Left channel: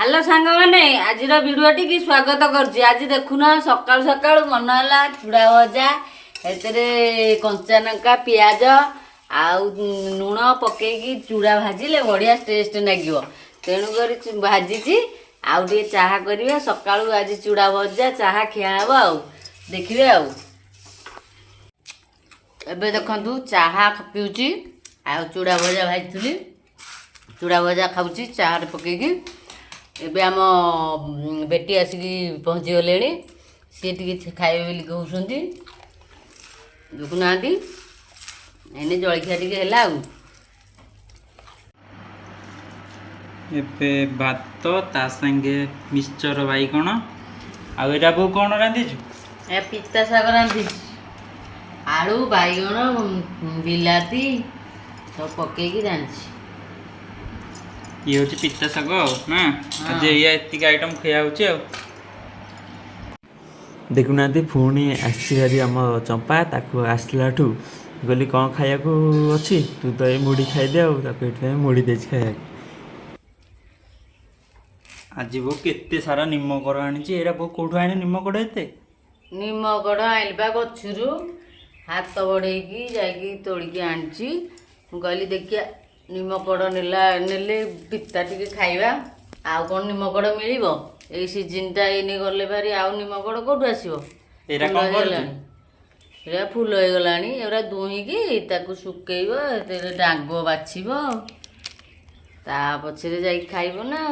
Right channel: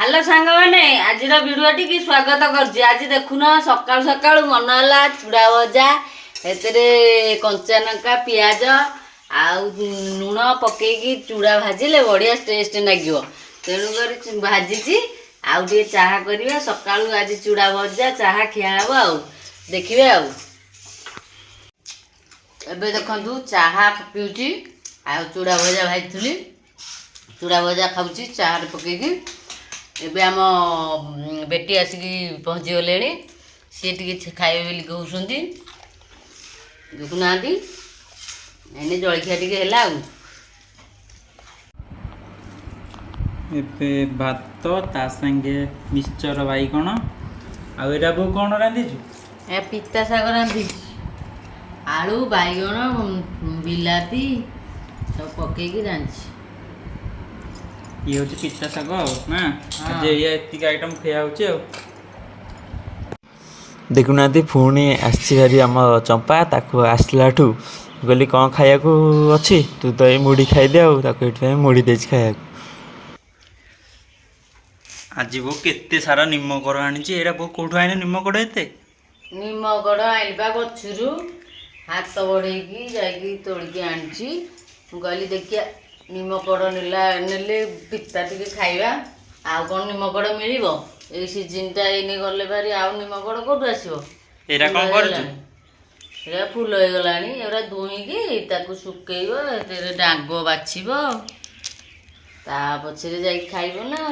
Hello सांग मैंने आज भिडियोटी की स्वागत कर आज देखुन सकाल सकाल मन है चूड़ा भजा कंचा लंका पियाज आउ लुण पकईकी चूड़ा भाजिले बढ़िया टेस्ट लगे तेणुक भाजी आउ टे चाह करवा सका आज चूड़ा भजा चाह खिया हे आ देखिए एबे देखु चाह पीऊँगी आ चूड़ा भजा भाजी चूड़ा भजा खाऊँ चाह पकईकी एबे आम बेटी आसिकी पहुँची गले सी टे खाइबे बोली कहते देखुना एने जलखिया टे है एबे भात ता संगे मिक्सचर बाइगण आउ एरा बो कौन रांधिछु ए पिता शाग रांधि आलू बाइगण बिलाती सब पकईकी रांधि ये हूँ पिता शाग ना आज ये आइटम खिया हो देखुना पुणी आसी आम चंपा ताको आसलाठू कहली कौन खाया अच्छी तू तो ये मुढ़ी खाईदे आगे मुढ़ी दे खाया आज बो केते सारा निमकड़ आनी एरा बो कौटू आने निमकड़ एते निमकड़ आइलबा गछरू हाथ बढ़ेगी जाकि तोड़िकी आनी कहली देखिया निमकड़ नेले पिता टिके खाइबा आउ कौन निमकड़ मिल ए सीजनटा एने गले भारी आउ निमकड़ कौटू आसो एरा कौन करूछु एरा फुल हो गलानी एरा दुईकी ताकू सुकेइबो डांग बाछिबो ता पछरे जाई खाइबो ना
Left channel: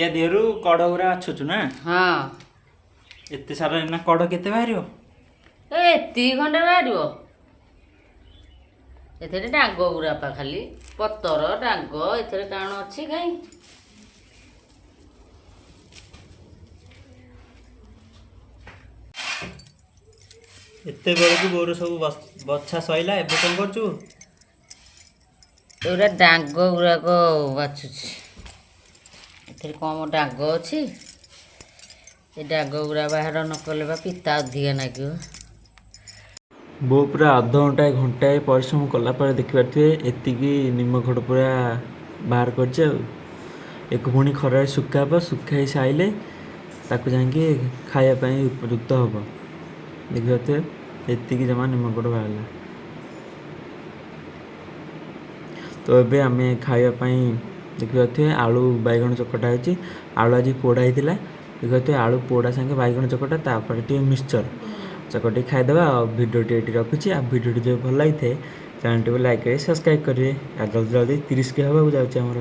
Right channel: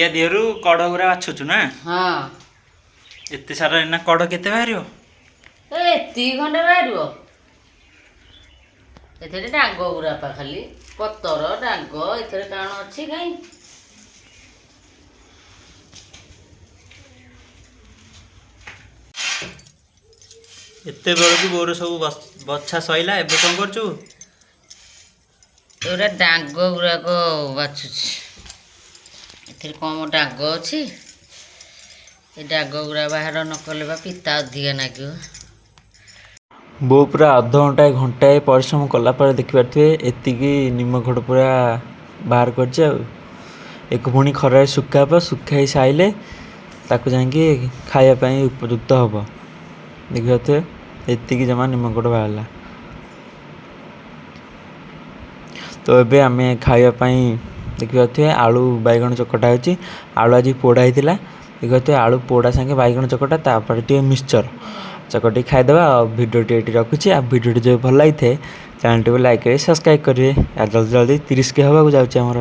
या देहरु कड़ गुरा बाछुछु ना हाँ एते सारा एना कड़ केते बाहरियो एति खंडे बाहरिबो एथे डांग गुरा पा खाली पतर डांग एथे काण अच्छी कहीं एते बेलू बोर सब बछा सैला एबे कौन करछु एरा डांग गुराक बाछुछि एथे कम डांग अच्छी ए डांग गुरा बाहर न कले पिता अधिक नागियो बो पूरा अध घंटा घंटाए परिश्रम कलापर देखिपे एतिकी निमखड़ पूरा बाहर कर पुणी खरार सुखाब सुखाई सारे ताक जाकि खायापाई उपयुक्त हम देखिए एतिकी जमा निमखड़ बाहर तो ये आम खायापाई देखिए आलू बैगण चकटा होती आलू आज पोड़ा होता देखिए आलू पोड़ा सांगे बैगण चकटा तापर टे मिक्सचर चकटी खाईदेवा भिडियो ये रखुच्छी आ भिडियो जो भल लगी चैनल को लाइक करें सब्सक्राइब करेंगे जल्दी जल्दी 30 के हवा जाऊँगी आमर।